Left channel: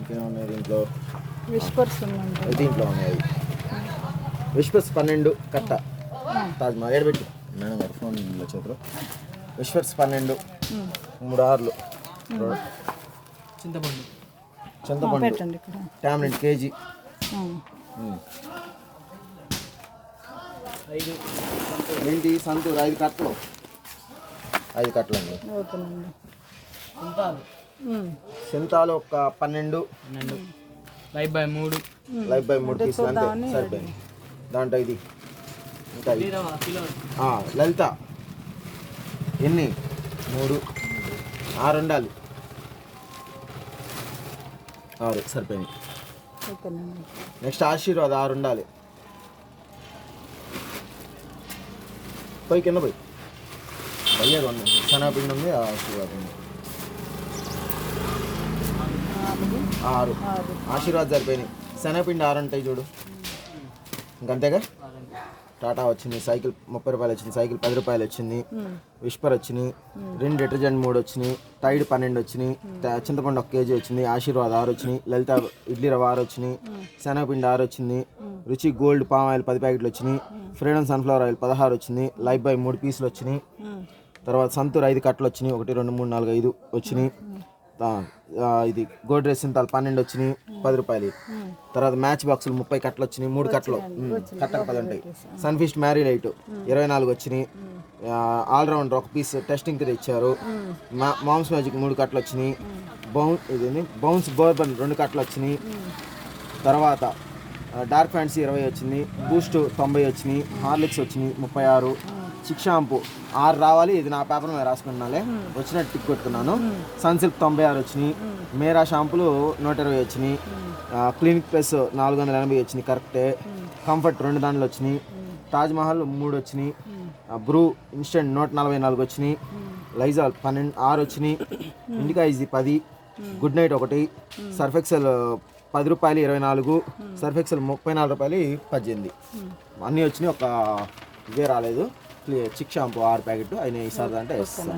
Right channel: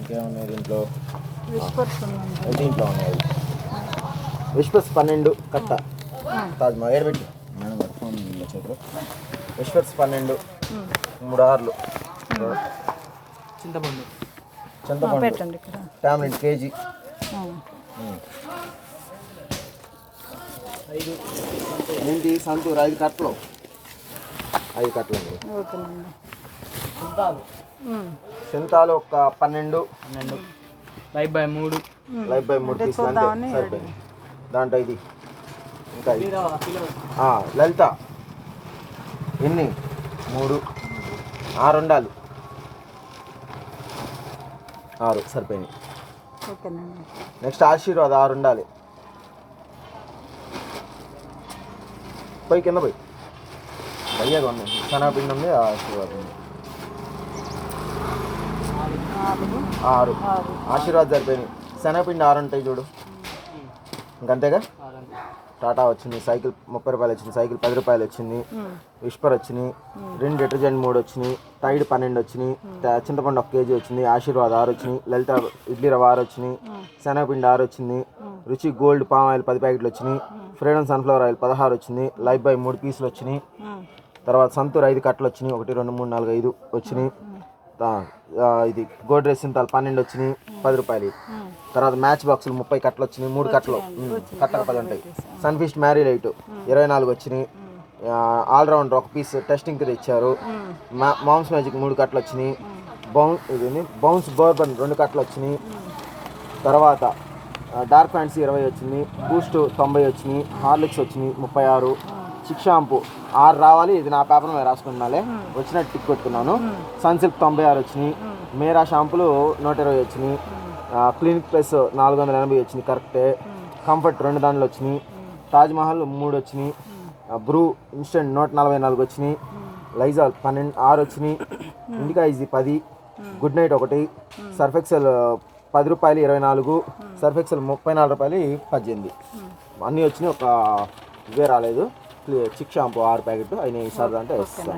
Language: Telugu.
ఇంకేమున్నాయి దీంట్లో? విస్పర్స్ ఉన్నాయి. దీంట్లో ఉన్నాయి విస్పర్స్ 12 కట్ట. తాజ్ మా ఏడబెట్టి మేడం గారు ఫోన్ చేతులు. విస్పర్స్ 12 3 ఆర్లు. చింతపండు టామ్లెట్ కేజీ. ఏంటి సంతూర్ 5 కట్టలు. 5 కట్టలు అండి. సింతాలు ఒక 12 లైఫ్ బై 3 పీసులు అంతే సరిపోయింది. దాంట్లో ఇది ఇంకా లలిత ఎన్ని 3 6 ఉండాలి. 6 సరిపోయింది. నెక్స్ట్ ఆశీర్వాద్ 6 ఉండాలి. పోయి కింద పోయి అయ్యాక ఉంది. శనగపిండి ఉంది, ఆశీర్వాదం ఉంది. 6 ఆశీర్వాద్ సరిపోయినాయి. శనగపిండి 6 ఉంటాయి చూడు. ఇంకంతేగా. టాటా వచ్చింది, సైకిల్ 30 రూపాయలు వచ్చింది, సైకిల్ 10 రూపాయలు వచ్చింది. విస్పర్ వచ్చినాయి, 2 డిటర్జెంట్ 3 వచ్చినాయి, టైడ్ 12 వచ్చినాయి, చింతపండు 1 కేజీ వచ్చింది, ఆశీర్వాద్ 6 వచ్చినాయి, లలిత ఇడ్లీ రవ్వ 6 వచ్చినాయి, శనగపిండి 6 వచ్చింది, రుచి గోల్డ్ పామ్ ఆయిల్ 10 ప్యాకెట్లు వచ్చినాయి, ఫ్రీడమ్ సన్ఫ్లవర్ ఆయిల్ 16 వచ్చింది, లైఫ్ బాయ్ 3 పీసులు వచ్చినాయి. తర్వాత సంతూర్ 5 కట్టలు వచ్చినాయి. 1 2 3 4 5 వచ్చినాయి. ఇది గోడ్రేజ్ సింతాల్ 12 వచ్చినాయి, 10 రూపాయలు. తర్వాత మ్యాచ్ బాక్సులు 30 కట్టలు వచ్చినాయి, 3 కట్టలు కట్టలు 10 ఉంటాయి. సన్ఫిస్ట్ మ్యారీ లైట్ 24 వచ్చినాయి. ఆల్రౌండర్ 1 పీస్ టెస్టింగ్కి తెచ్చారు. మామ్స్ మ్యాజిక్ 3 కట్టలు వచ్చినాయి. బౌన్స్ బోర్బన్ 2 కట్టలు వచ్చినాయి. తర్వాత డార్క్ ఫ్యాంటసీ 20 వచ్చింది, బూస్ట్ 90 వచ్చినాయి, హార్లిక్స్ వచ్చినాయి 36, చిక్ షాంపూ 6 రావాలి. ఇది నా పేపర్ మీద రాసుకున్నాలే, వచ్చినట్టు టిక్ కొట్టుకున్నాను. సన్సిల్క్ 96 వచ్చినాయి, మేరా షాంపులు 120 వచ్చినాయి, క్లినిక్ ప్లస్ 480 వచ్చినాయి కరెక్టే, కంఫర్ట్ 2 దాంట్లో వచ్చినాయి, తాజ్ మహల్ 3 వచ్చినాయి, బ్రూ ఇన్స్టెంట్ 144 వచ్చినాయి, లైజాల్ 6 వచ్చినాయి, indica easy 10, good night 1, Surf Excel 10 రూపాయలు 24, సర్ఫెక్సెల్ 34 రూపాయలు 18. అన్నీ వచ్చినాయి. ఒక ఇవే రాలేదు. చిక్ షాంపూ 6 ప్యాకెట్ అయినా ఈసారి అంటే వేస్తాను.